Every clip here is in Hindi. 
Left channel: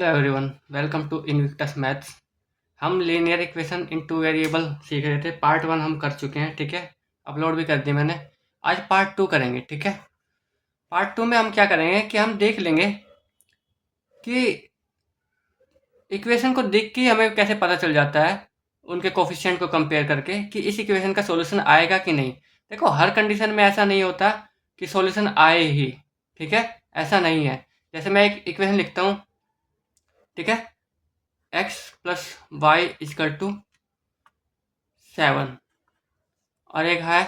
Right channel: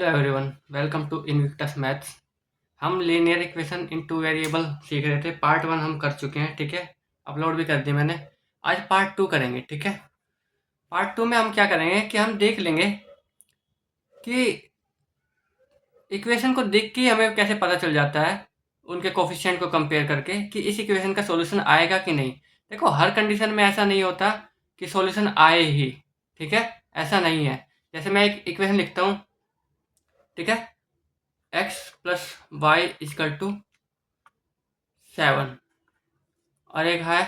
Hello everyone, welcome to Invictus maths. हम linear equation in two variable सीख रहे थे। पार्ट 1 हम कर चुके हैं, ठीक है। अपलोड भी कर दी मैंने। आज पार्ट 2 करेंगे, ठीक है। पार्ट 2 में हम क्या करेंगे कि हम देख लेंगे कि इक्वेशन को देख के ही हमें कैसे पता चल जाता है, उनके कोफिशिएंट को कंपेयर करके, कि इस इक्वेशन का सॉल्यूशन आएगा कि नहीं। देखो, हर कंडीशन में ऐसा नहीं होता कि सॉल्यूशन आए ही, ठीक है। ऐसा नहीं है। जैसे मैं एक इक्वेशन लिखता हूँ, ठीक है। x plus y equal to 7 और एक है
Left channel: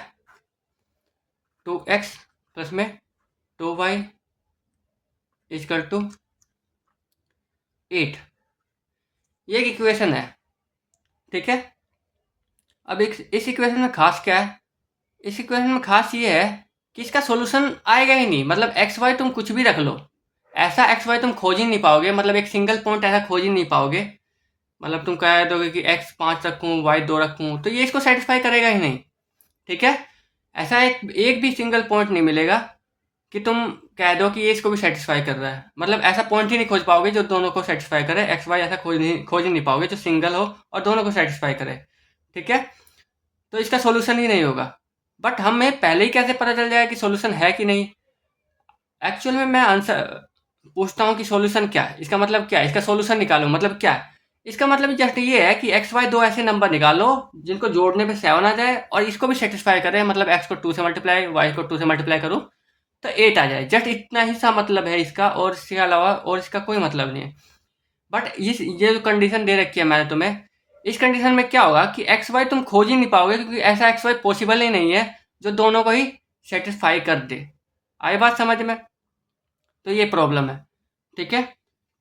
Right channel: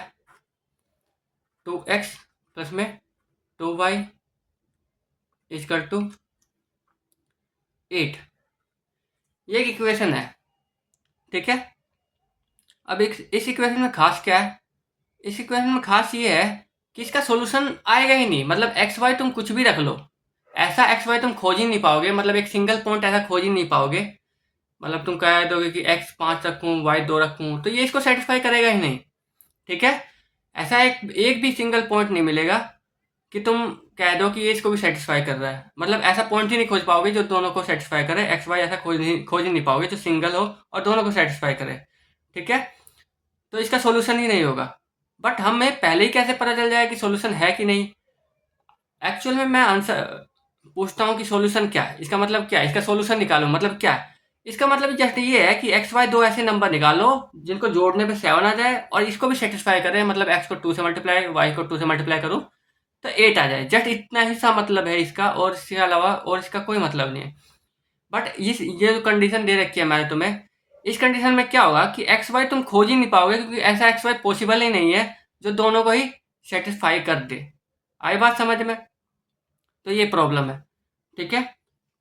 2x प्लस में 2y इजकल टू 8। ये एक इक्वेशन है, ठीक है। अब इस इक्वेशन में खास क्या है? इस इक्वेशन में खास ये है कि इसका सॉल्यूशन आएगा ही नहीं। मतलब एक्स वाई तुम कुछ भी रख लो, ऐसा एक्स वाई तुम खोज ही नहीं पाओगे। मतलब एक सिंगल पॉइंट ऐसा खोज ही नहीं पाओगे। मतलब तुम कह दोगे कि एक्स 5 रखूँ, वाई 2 रखूँ, तो ये इसको सेटिस्फाई करेगा ही नहीं, ठीक है। ऐसा एक एक भी सिंगल पॉइंट नहीं मिलेगा कि तुम कह दो कि ये इसको भी सेटिस्फाई कर रहा है। मतलब ऐसा पॉइंट ही नहीं खोज पाओगे जो दोनों को सेटिस्फाई करे। एक्स वाई ऐसा खोज ही नहीं पाओगे जो सिंगल हो और दोनों को सेटिस्फाई करे, ठीक है। तो इसका सॉल्यूशन ही नहीं होगा। बट हमें पहले ही कैसे पता चल जाएगा कि सॉल्यूशन है कि नहीं? एक्चुअल में मैं आंसर पूछता हूँ कि सॉल्यूशन क्या है, इसका मतलब क्या है, इसका सॉल्यूशन निकालो, मतलब क्या है। इसका मतलब जस्ट ये है कि एक्स वाई दो ऐसे नंबर निकालो जिनको जोड़ने पे 7 आ जाए और इसको भी सेटिस्फाई करे। मतलब एक्स को 2 से मल्टीप्लाई, वाई को 2 से मल्टीप्लाई करूँ तो 8 आ जाए। जस्ट इतना ही सा मतलब है इसका, और इसके अलावा और इसका कोई मतलब नहीं है। बट ये जो कंडीशन दे रखी है मैंने तुम्हें, इस कंडीशन में क्या होगा कि एक्स वाई तुम खोज ही नहीं पाओगे, क्योंकि ऐसा एक्स वाई पॉसिबल ही नहीं है जो दोनों को ही सेटिस्फाई कर दे। आई बात समझ में? तो ये प्रॉब्लम है, ठीक है।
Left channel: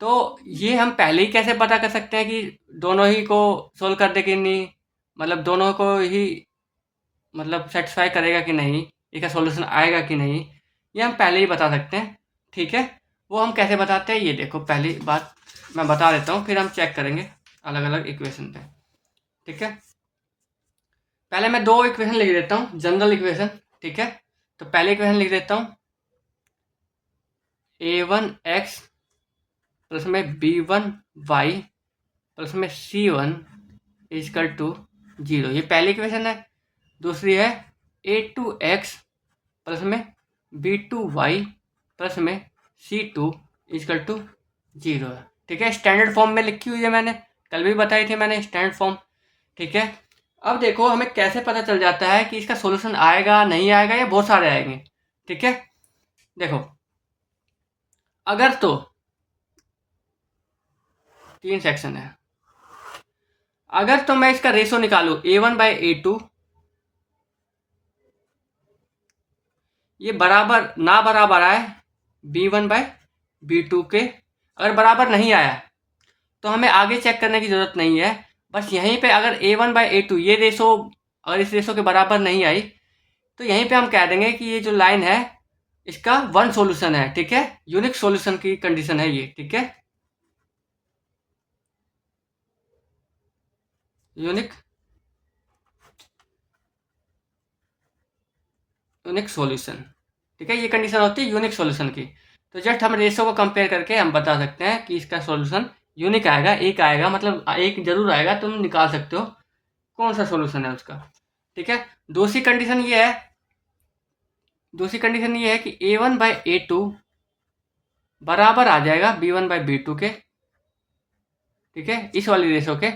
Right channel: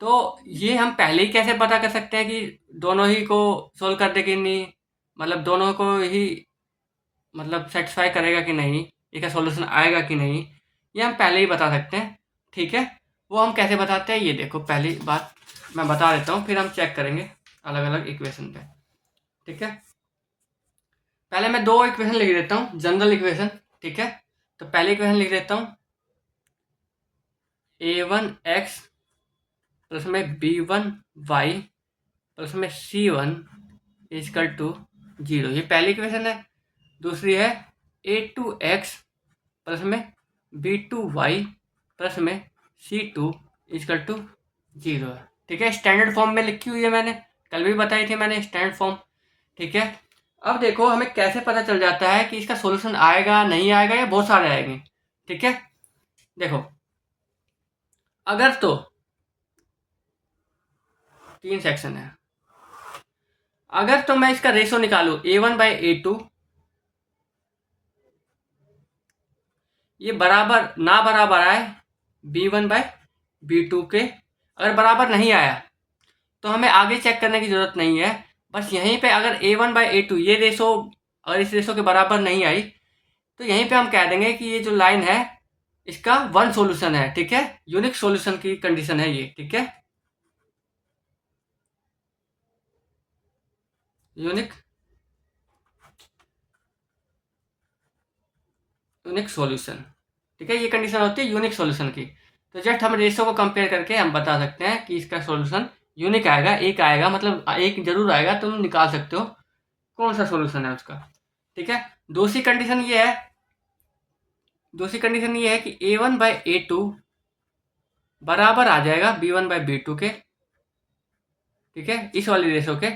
तो ये हम पहले ही कैसे पता कर सकते हैं कि दोनों ही को सोल्व कर दे कि नहीं, मतलब दोनों को ही मतलब सेटिस्फाई करेगा कि नहीं, इसका सॉल्यूशन आएगा कि नहीं, ये हम पहले ही बता सकते हैं, ठीक है। वो हम कैसे बताते हैं, ये देखो, पहली बात मैं बता देता हूँ, फिर हम चेक करेंगे अलग अलग इक्वेशन पे, ठीक है। पहले मैं दो इक्वेशन लिख देता हूँ, जनरल इक्वेशन, ठीक है। तो पहली इक्वेशन लिख देता हूँ, a1x प्लस में b1y प्लस में c1 इजकल टू 0। ये पहली इक्वेशन है। दूसरी है a2x प्लस में b2y प्लस में c2 इजकल टू 0 है, ठीक है। स्टैंडर्ड फॉर्म में लिखी हुई है, मैंने कल भी बताई थी मैंने स्टैंडर्ड फॉर्म, ठीक है। अब देखो, हमें कैसे पता चल जाता है कि इसका सॉल्यूशन आएगा नहीं आएगा, या बहुत सारे आएंगे, ठीक है। देखो, अगर तो 3 सेक्शन है। अगर तो मैं इसका रेशो निकालू a1/a2, ये बराबर ना बराबर आए b1/b2 के। अगर बराबर नहीं आया तो हमें आगे चेक करने की ज़रूरत नहीं है। बस यहीं पे अगर a1/a2 ये रेशो अगर इस रेशो के बराबर नहीं आई, तो यहीं पे हम कह देंगे कि ये जो लाइन है इसका वन सॉल्यूशन है, ठीक है। यूनिक सॉल्यूशन की कंडीशन है ये, ठीक है। यूनिक यूनिक सॉल्यूशन, ठीक है। ये कंडीशन होती है यूनिक सॉल्यूशन की। तो जस्ट हम रेशो को कंपेयर करके हम बता सकते हैं कि इसका सॉल्यूशन यूनिक आएगा, एक आएगा, मतलब एक जरूर आएगा। तुम निकाल सकते हो कौन सा सॉल्यूशन है उसका, ठीक है। दूसरी कंडीशन ये है दूसरी कंडीशन ये है कि a1/a2 बराबर आ जाएगा b1/b2 के, ठीक है, इस वाली रेशो के।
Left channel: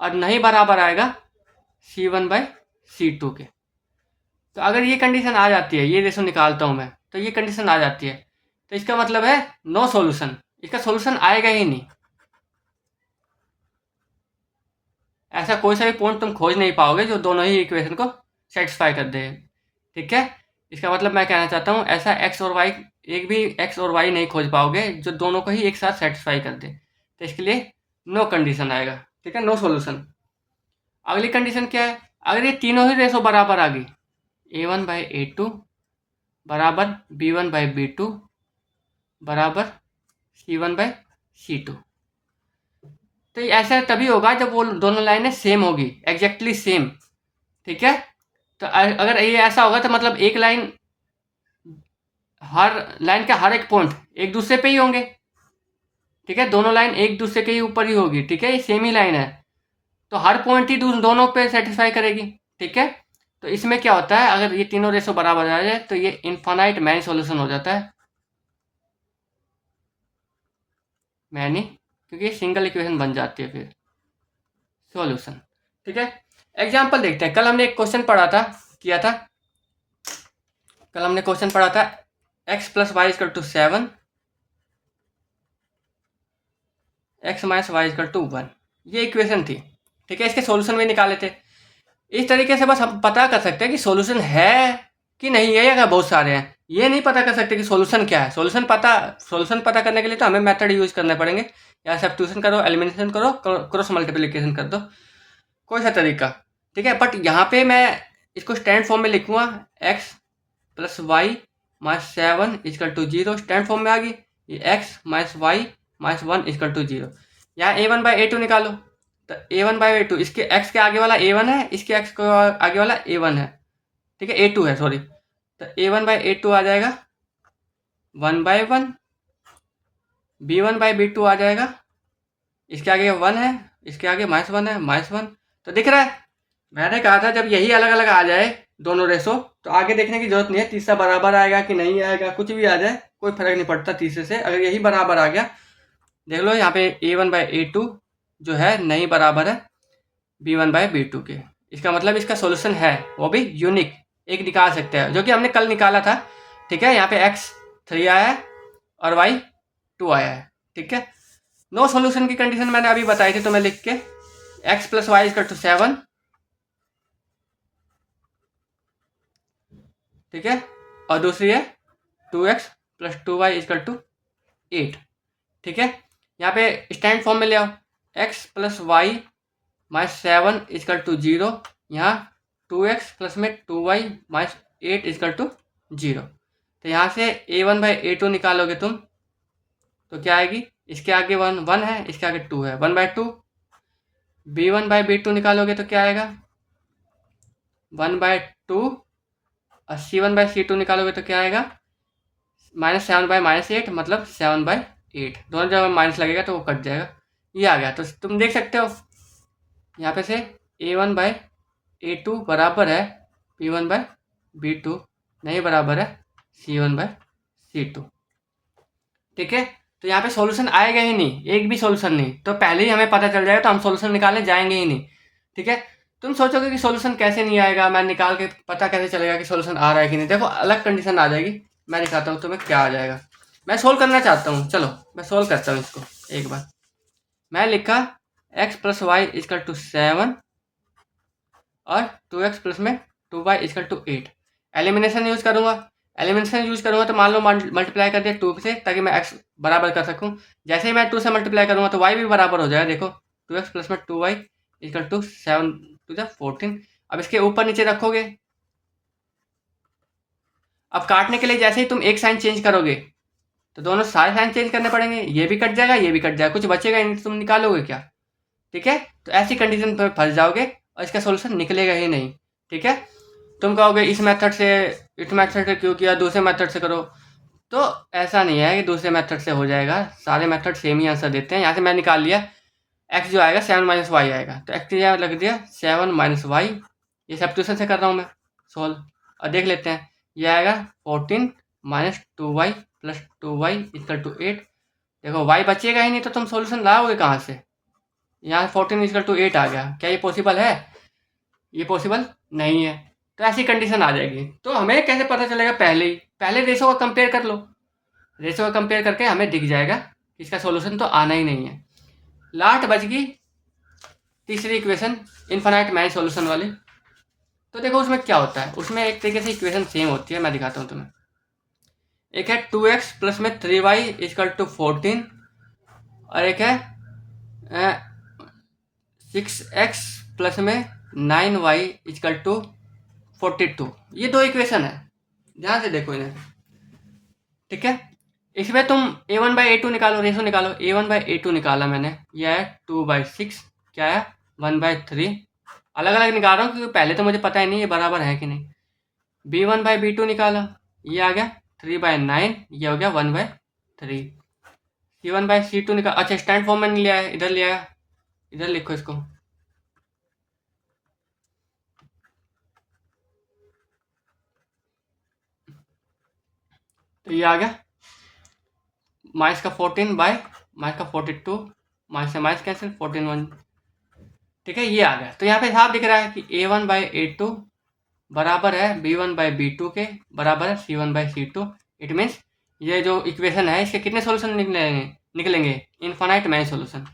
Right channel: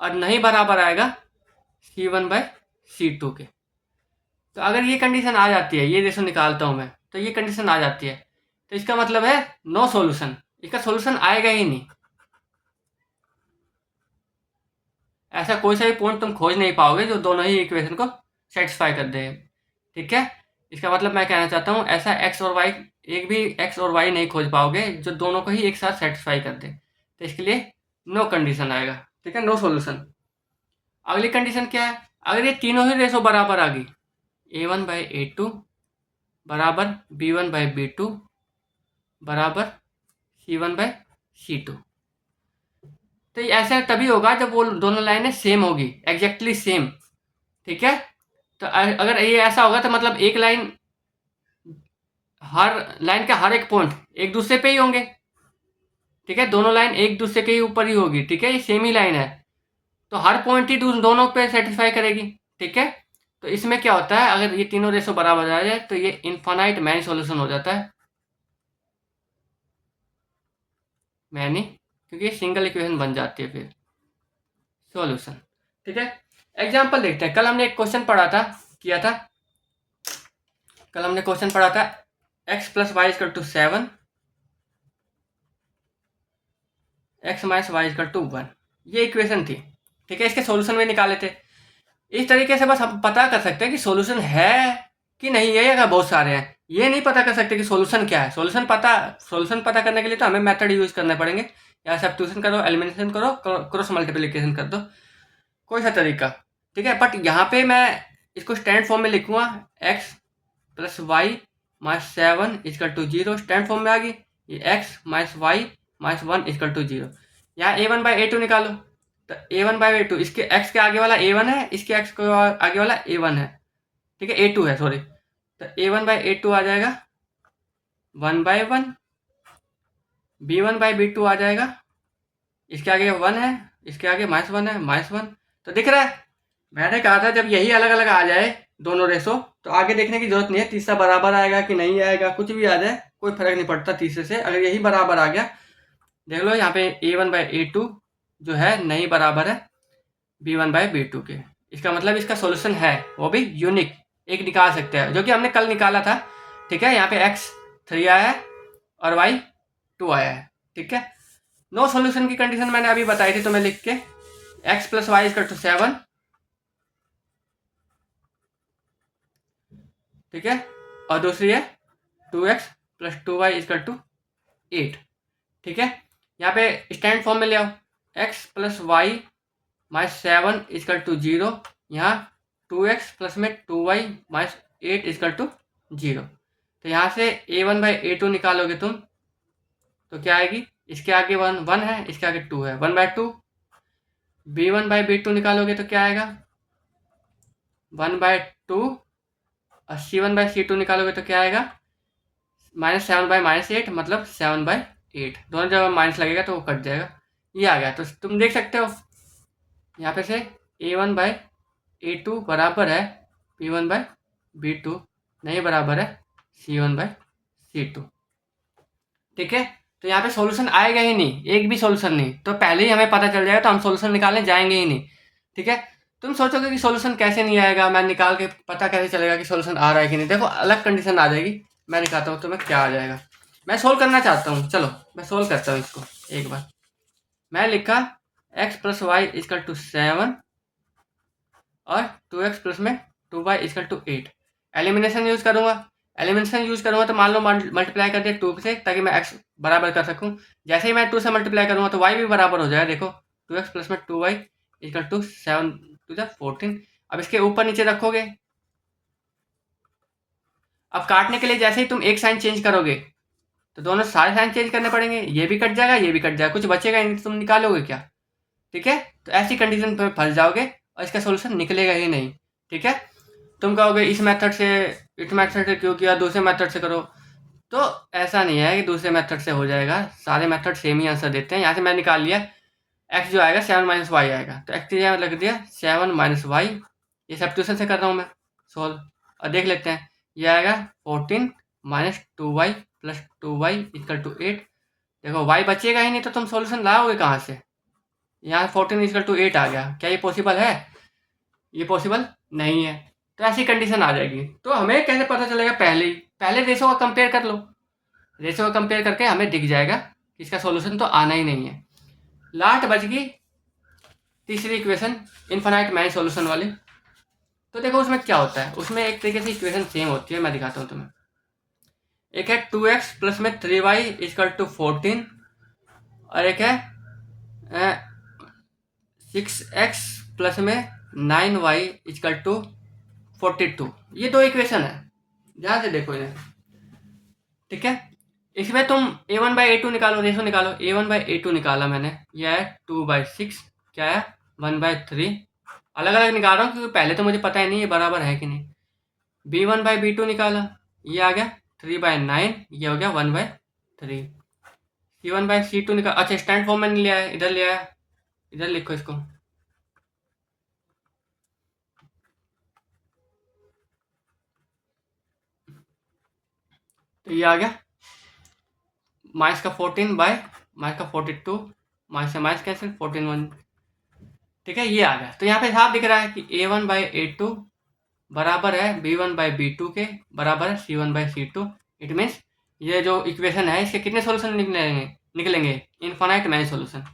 और नहीं बराबर आएगा c1/c2 के। तो अगर ये कंडीशन आ जाती है, ये रेशो निकालता हूँ मैं, तो ये कंडीशन आ जाती है, तो इसका मतलब है नो सॉल्यूशन, इसका सॉल्यूशन आएगा ही नहीं। ऐसा कोई सा भी पॉइंट तुम खोज नहीं पाओगे जो दोनों ही इक्वेशन को सेटिस्फाई कर दे, ठीक है। इसका मतलब मैं कहना चाहता हूँ, ऐसा एक्स और वाई, एक भी एक्स और वाई नहीं खोज पाओगे जो दोनों को ही एक साथ सेटिस्फाई कर दे। तो इसके लिए नो कंडीशन आएगा, ठीक है, नो सॉल्यूशन। अगली कंडीशन क्या है? अगर ये तीनों ही रेशो बराबर आ गई, a1/a2 बराबर b1/b2 बराबर c1/c2, तो ये ऐसा तभी होगा जब वो दोनों लाइनें सेम होगी, एग्जैक्टली सेम, ठीक है। तो अगर ये ऐसा होगा तो मतलब एक लाइन, हर लाइन का हर एक पॉइंट एक दूसरे पे ही होंगे, ठीक है, दोनों लाइन एक दूसरे के ही ऊपर ही होगी, ठीक है, ये सेम ही लाइन है, तो हर पॉइंट ही दोनों पे सेटिस्फाई करेगी, ठीक है। तो इसमें क्या होता है, अगर ये तीनों रेशो बराबर आ जाए तो ये इनफाइनाइट मैनी सॉल्यूशन हो जाता है, मैनी, क्योंकि सिंगल इक्वेशन बन जाती है फिर सॉल्यूशन, ठीक है। एग्जाम्पल देखते हैं, कल हमने एक क्वेश्चन पढ़ा था, किया था, कल हमने क्वेश्चन पढ़ा था x plus y equal to 7, x minus y equal to 1, ये इक्वेशन थी, ठीक है। इसके सॉल्यूशन में निकाले थे। इस तरीके से बस हम पता कर सकते हैं कि सॉल्यूशन है कि नहीं है, या बहुत सारे हैं, ये नहीं पता कर सकते कि सॉल्यूशन क्या है। सॉल्यूशन पता करने के लिए तो हमें मेथड यूज करने पड़ेंगे, या सब्स्टिट्यूशन करो, एलिमिनेशन करो, क्रॉस मल्टीप्लिकेशन कर दो, कोई सा तरीका, ठीक है। बट यहाँ पे मैं इसको स्टैंड फॉर्म में लिखूंगा, x plus y minus 7 equal to 0, stand form में आ गई, ये x minus y minus 1 equal to 0। यहाँ a1/a2 निकालो, तो a1/a2, इसके x के आगे वाला a1 है, इसके x के आगे वाला a1 है, ठीक है, a2 है, सॉरी, तो a1/a2 आ जाएगा 1/1, b1/b2 आ जाएगा, इसके आगे 1 है, इसके आगे -1 है, -1, तो दिख रहा है। मैंने कहा था जब यही अलग अलग आ जाए दोनों रेशो, तो आगे देखने की जरूरत नहीं है, तीसरा बराबर आएगा कि नहीं आएगा, कुछ भी आ जाए कोई फर्क नहीं पड़ता तीसरे से। अगर यही बराबर आ गया, देख लो यहाँ पे a1/a2 जो है नहीं बराबर है b1/b2 के, इसका मतलब इसका सॉल्यूशन है, वो भी यूनिक, एक निकाल सकते हैं, जो कि हमने कल निकाला था, ठीक है। यहाँ पे x 3 आया है और y 2 आया है, ठीक है। नो सॉल्यूशन की कंडीशन मैंने अभी बताई थी, तो मैं लिख के x plus y equal to 7, ठीक है, और दूसरी है 2x plus 2y equal to 8, ठीक है। यहाँ पे स्टैंड फॉर्म में ले आओ, x plus y minus 7 equal to 0, यहाँ 2x प्लस में 2y माइनस 8 इजकल टू 0, तो यहाँ से a1/a2 निकालोगे तुम, तो क्या आएगी, इसके आगे 1 है, इसके आगे 2 है, 1/2, b1/b2 निकालोगे तो क्या आएगा 1/2, और c1/c2 निकालोगे तो क्या आएगा -7/-8, मतलब 7/8, दोनों जगह माइनस लगेगा तो वो कट जाएगा, ये आ गया। तो तुम देख सकते हो यहाँ पे से a1/a2 बराबर है b1/b2, नहीं बराबर है c1/c2, ठीक है। तो यहाँ पे सॉल्यूशन आएगा ही नहीं, एक भी सॉल्यूशन नहीं, तो पहले ही हमें पता चल जाएगा, तो हम सॉल्यूशन निकालने जाएंगे ही नहीं, ठीक है। तुम सोचोगे कि सॉल्यूशन कैसे नहीं आएगा, मैं निकाल के पता कैसे चलेगा कि सॉल्यूशन आ रहा है कि नहीं। देखो अलग कंडीशन आ जाएगी, मैं दिखाता हूँ तुम्हें क्या आ जाएगा। मैं सोल्व करना चाहता हूँ, चलो मैं सोल्व करता हूँ इसको एक बार। मैं लिखा x plus y equal to 7 और 2x प्लस में 2y equal to 8, elimination use करूँगा। एलिमिनेशन यूज करूँगा तो मान लो मल्टीप्लाई कर दिया 2 से, ताकि मैं x बराबर कर सकूँ। जैसे ही मैं 2 से मल्टीप्लाई करूँगा तो y भी बराबर हो जाएगा, देखो 2x प्लस में 2y equal to 7 to the 14। अब इसके ऊपर नीचे रखोगे, अब काटने के लिए जैसे ही तुम एक साइन चेंज करोगे तो दोनों सारे साइन चेंज करने पड़ेंगे, ये भी कट जाएगा, ये भी कट जाएगा, कुछ बचेगा नहीं, तुम निकालोगे क्या, ठीक है। तो ऐसी कंडीशन पर फंस जाओगे और इसका सोल्यूशन निकलेगा ही नहीं, ठीक है। तुम कहोगे इस मेथड से क्यों किया, दूसरे मेथड से करो, तो ऐसा नहीं है कि दूसरे मेथड से हो जाएगा, सारे मेथड सेम ही आंसर देते हैं। यहाँ से मैं निकाल लिया x जो आएगा 7 माइनस वाई आएगा, तो x की जगह लग दिया 7 माइनस वाई, ये सब्स्टिट्यूशन से कर रहा हूँ मैं सॉल्व, और देख लेते हैं, ये आएगा 14 minus 2y plus 2y equal to 8। देखो y बचेगा ही नहीं, तो तुम सॉल्यूशन लाओगे कहाँ से, यहाँ 14 इक्वल टू 8 आ गया, क्या ये पॉसिबल है, ये पॉसिबल नहीं है। तो ऐसी कंडीशन आ जाएगी, तो हमें कैसे पता चलेगा, पहले रेशो का कंपेयर कर लो, रेशो का कंपेयर करके हमें दिख जाएगा कि इसका सॉल्यूशन तो आना ही नहीं है। लास्ट बच गई तीसरी इक्वेशन, इनफाइनाइट मैनी सॉल्यूशन वाली। तो देखो उसमें क्या होता है, उसमें एक तरीके से इक्वेशन सेम होती है, मैं दिखाता हूँ तुम्हें। एक है 2x प्लस में 3y इजकल टू 14, और एक है 6x प्लस में 9y इजकल टू 42। ये दो इक्वेशन है, ध्यान से देखो इन्हें, ठीक है। इसमें तुम a1/a2 निकालो, रेशो निकालो, a1/a2 निकाला मैंने, यह है 2/6, क्या है 1/3, अलग अलग निकाल रहा हूँ क्योंकि पहले तो मुझे पता ही नहीं ये बराबर है कि नहीं। b1/b2 निकाला, ये आ गया 3/9, ये हो गया 1/3, C1/C2 निकाल, अच्छा स्टैंड फॉर्म में नहीं लिया है, इधर लिया है, इधर लिखो इसको। तो ये आ गया माइनस का 14 बाय माइनस का 42, माइनस से माइनस कैंसिल 14 1, ठीक है, ये आ गया। तो यहाँ पे साफ दिख रहा है कि A1/A2 बराबर है B1/B2 के, बराबर है C1/C2। इट मीन्स ये जो इक्वेशन है इसके कितने सॉल्यूशन निकलेंगे infinite many solution,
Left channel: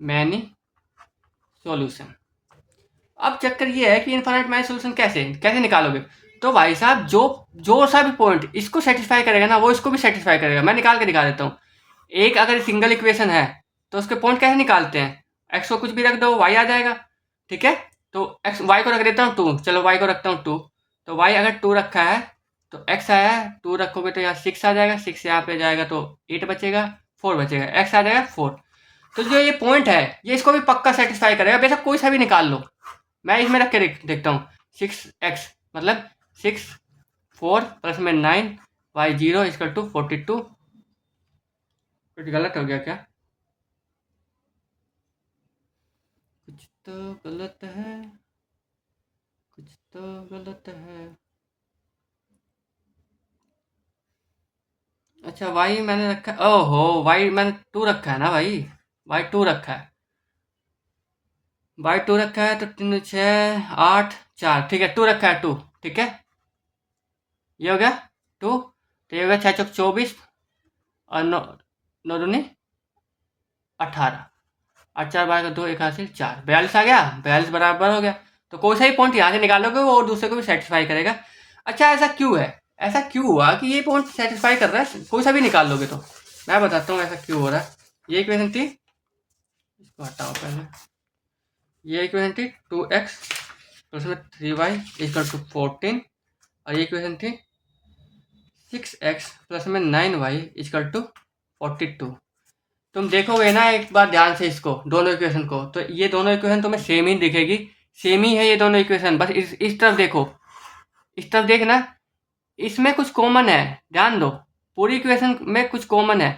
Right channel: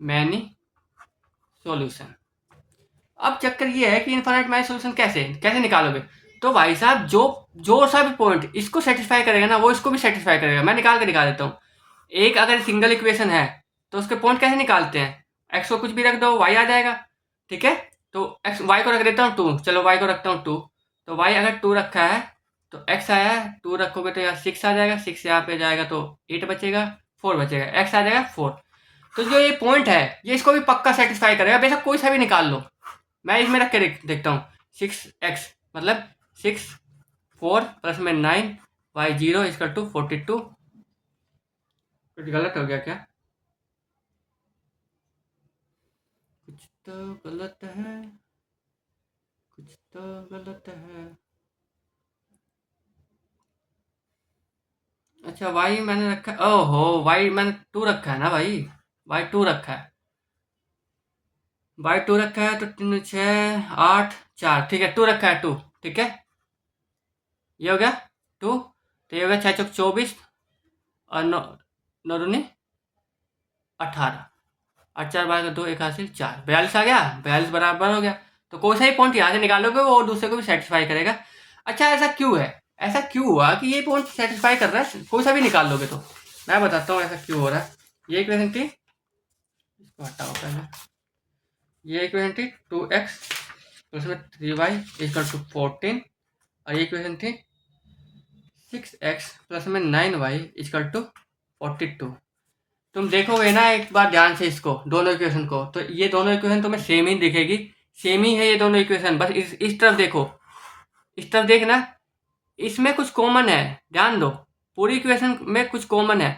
many solution. अब चक्कर ये है कि इनफाइनाइट मैनी सॉल्यूशन कैसे कैसे निकालोगे। तो भाई साहब जो जो सा भी पॉइंट इसको सेटिस्फाई करेगा ना वो इसको भी सेटिस्फाई करेगा। मैं निकाल के दिखा देता हूँ। एक अगर सिंगल इक्वेशन है तो उसके पॉइंट कैसे निकालते हैं, एक्स को कुछ भी रख दो वाई आ जाएगा, ठीक है। तो एक्स वाई को रख देता हूँ 2, चलो वाई को रखता हूँ 2, तो वाई अगर 2 रखा है तो एक्स आया है 2 रखोगे तो यहाँ 6 आ जाएगा, 6 यहाँ पे जाएगा तो 8 बचेगा, 4 बचेगा, एक्स आ जाएगा 4। तो जो ये पॉइंट है ये इसको भी पक्का सेटिस्फाई करेगा, बेशक कोई सा भी निकाल लो। मैं इसमें रख के देखता हूँ 6x मतलब 6 4 प्लस में 9 वाई 0 इक्वल टू 42। कुछ गलत हो गया क्या, कुछ तो गलत है, कुछ तो गलत है। अच्छा वाई मैंने रखा, ओहो वाई मैंने 2 रखा है ना भाई, वाई 2 रखा है, वाई 2 रखा है तो 3 6 8 4, ठीक है 2 रखा है 2, ठीक है। ये हो गया 2, तो ये हो गया 6 चौक 24 और 9 9 दूनी 18, 8 4 12 2 1 हासिल 4, 42 आ गया, 42 बराबर हो गया। तो कोई सा ही पॉइंट यहाँ से निकालोगे वो दूसरे को भी सेटिस्फाई करेगा। अच्छा ऐसा क्यों है, ऐसा क्यों हुआ कि ये पॉइंट सेटिस्फाई कर रहा है, कोई सा भी निकाल लोगे तो मैं बताता हूँ ऐसा क्यों हो रहा है। ये इक्वेशन थी, इसको हटाओ पहले, ये इक्वेशन थी 2x प्लस में 3y इक्वल टू 14, और ये इक्वेशन थी 6x प्लस में 9y इक्वल टू 42। तुम देखोगे ना एक बार ध्यान से इसको दोनों इक्वेशन को, तो ये दोनों इक्वेशन तुम्हें सेम ही दिखेगी, सेम ही है ये दोनों इक्वेशन। बस इस तरफ देखो, इस तरफ देखना, इसमें कुछ कॉमन है, ध्यान दो, पूरी इक्वेशन में कुछ कॉमन है।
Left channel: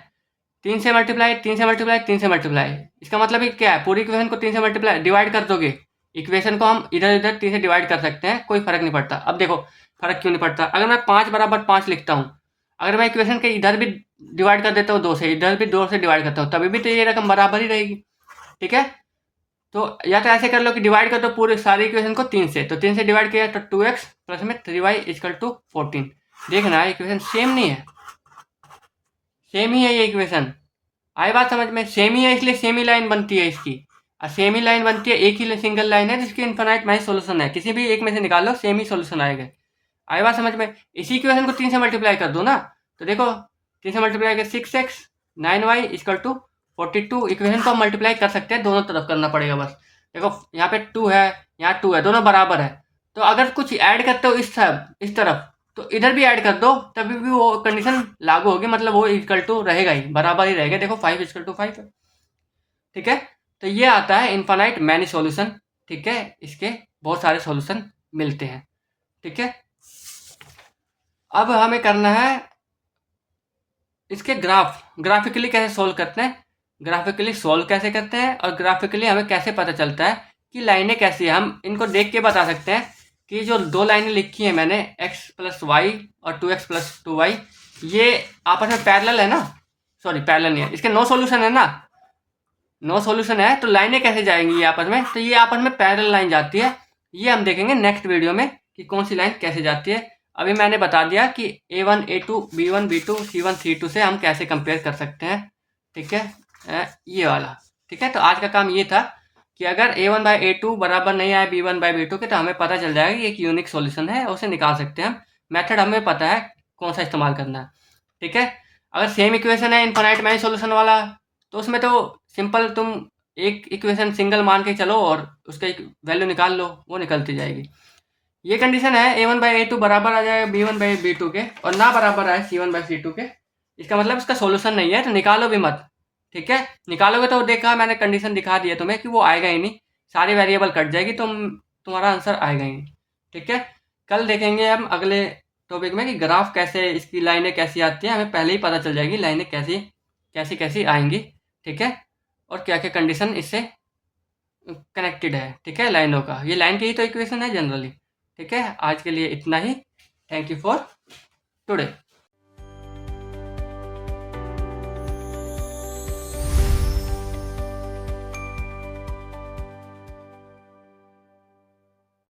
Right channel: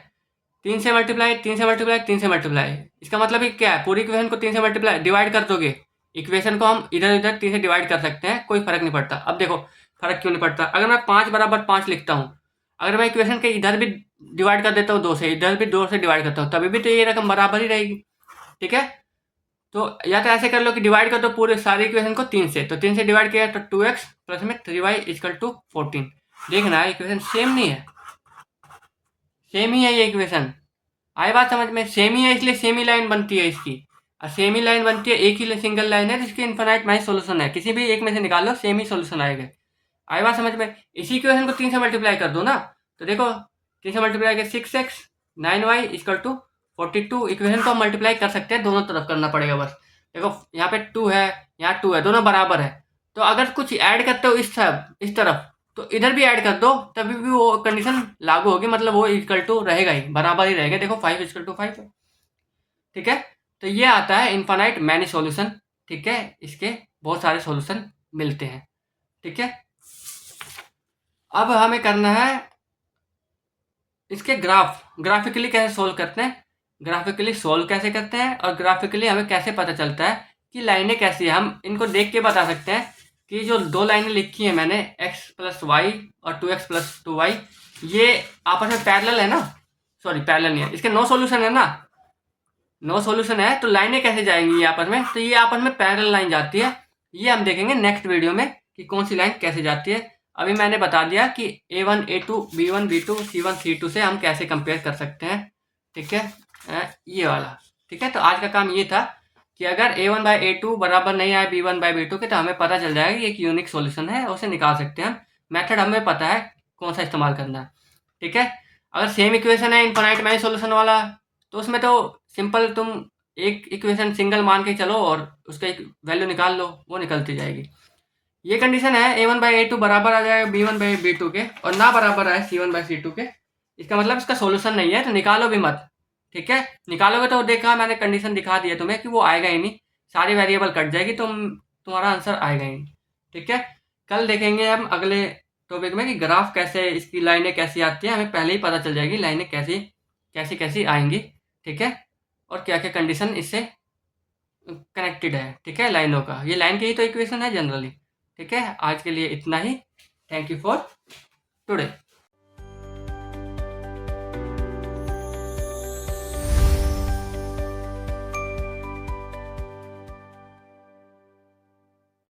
3 से मल्टीप्लाई 3 से मल्टीप्लाई 3 से मल्टीप्लाई, इसका मतलब ये क्या है, पूरी इक्वेशन को 3 से मल्टीप्लाई डिवाइड कर दोगे, इक्वेशन को हम इधर उधर 3 से डिवाइड कर सकते हैं, कोई फर्क नहीं पड़ता। अब देखो फर्क क्यों नहीं पड़ता, अगर मैं 5 बराबर 5 लिखता हूँ, अगर मैं इक्वेशन के इधर भी डिवाइड कर देता हूँ 2 से, इधर भी 2 से डिवाइड करता हूँ, तभी भी तो ये रकम बराबर ही रहेगी, ठीक है। तो या तो ऐसे कर लो कि डिवाइड कर दो पूरे सारी इक्वेशन को 3 से, तो 3 से डिवाइड किया तो 2x प्लस में 3y इक्वल टू 14। देखना इक्वेशन सेम नहीं है, सेम ही है ये इक्वेशन, आई बात समझ में, सेम ही है इसलिए सेम ही लाइन बनती है इसकी, और सेम ही लाइन बनती है, एक ही सिंगल लाइन है जिसकी इन्फिनाइट मैच सॉल्यूशन है, किसी भी एक में से निकाल लो सेम ही सॉल्यूशन आएगा। आई बात समझ में, इसी इक्वेशन को 3 से मल्टीप्लाई कर दो ना, तो देखो 3 से मल्टीप्लाई कर 6x 9y equal to 42, equation को मल्टीप्लाई कर सकते हैं, दोनों तरफ करना पड़ेगा बस। देखो यहाँ पे 2 है, यहाँ 2 है, दोनों बराबर है, तो अगर कुछ ऐड करते हो इस तरफ तो इधर भी ऐड कर दो, तभी भी वो कंडीशन लागू होगी, मतलब वो इक्वल टू रहेगा ही, बराबर ही रहेगा। देखो 5 इक्वल टू 5 है, ठीक है। तो ये आता है इनफाइनाइट मैनी सॉल्यूशन, ठीक है, इसके बहुत सारे सॉल्यूशन मिलते हैं, ठीक है। अब हमें करना है इसके ग्राफिकली कैसे सोल्व करते हैं, ग्राफिकली सोल्व कैसे करते हैं, और ग्राफिकली हमें कैसे पता चलता है कि लाइनें कैसी है। हम इनको देख के बता सकते हैं कि जो 2 लाइनें लिखी हैं मैंने x प्लस वाई और 2x प्लस 2y, ये आपस में पैरेलल है ना, सॉरी पैरेलल नहीं है, इसके नो सॉल्यूशन है ना, नो सॉल्यूशन है, तो लाइनें कैसे जाएंगी ये आपस में, तो ये आपस में पैरेलल लाइन जाती है। ये हम देखेंगे नेक्स्ट वीडियो में कि कौन सी लाइन कैसे जाती है। अभी मैंने बता दिया कि A1 A2 B1 B2 C1 C2 से हम कैसे कंपेयर कर सकते हैं, ठीक है, ये वाला, ठीक है। तो आज का काम ये था कि अगर A1/A2 बराबर नहीं आए B1/B2 के, तो हमें पता चल जाएगा कि एक यूनिक सॉल्यूशन है, उसे निकाल सकते हैं हम। मेथड हमें पता है कौन सा इस्तेमाल करना है, ठीक है। अगर सेम इक्वेशन है इनफाइनाइट मैनी सॉल्यूशन वाला, तो उसमें तो सिंपल तुम एक इक्वेशन सिंगल मान के चलो और उसका एक वैल्यू निकाल लो, वो निकलती जाएगी। ये कंडीशन है A1/A2 बराबर आ जाएगा B1/B2 के, और ना बराबर आए C1/C2 के, इसका मतलब इसका सॉल्यूशन नहीं है, तो निकालो भी मत, ठीक है। निकालोगे तो देखा मैंने कंडीशन दिखा दी है तुम्हें कि वो आएगा ही नहीं, सारी वेरिएबल कट जाएगी, तुम्हारा आंसर आएगा ही नहीं, ठीक है। कल देखेंगे हम अगले टॉपिक में कि ग्राफ कैसे, इसकी लाइनें कैसी आती हैं, हमें पहले ही पता चल जाएगी लाइनें कैसी कैसी आएंगी, ठीक है, और क्या क्या कंडीशन इससे कनेक्टेड है, ठीक है, लाइनों का। ये लाइन की ही तो इक्वेशन है जनरली, ठीक है। आज के लिए इतना ही। Thank you for today.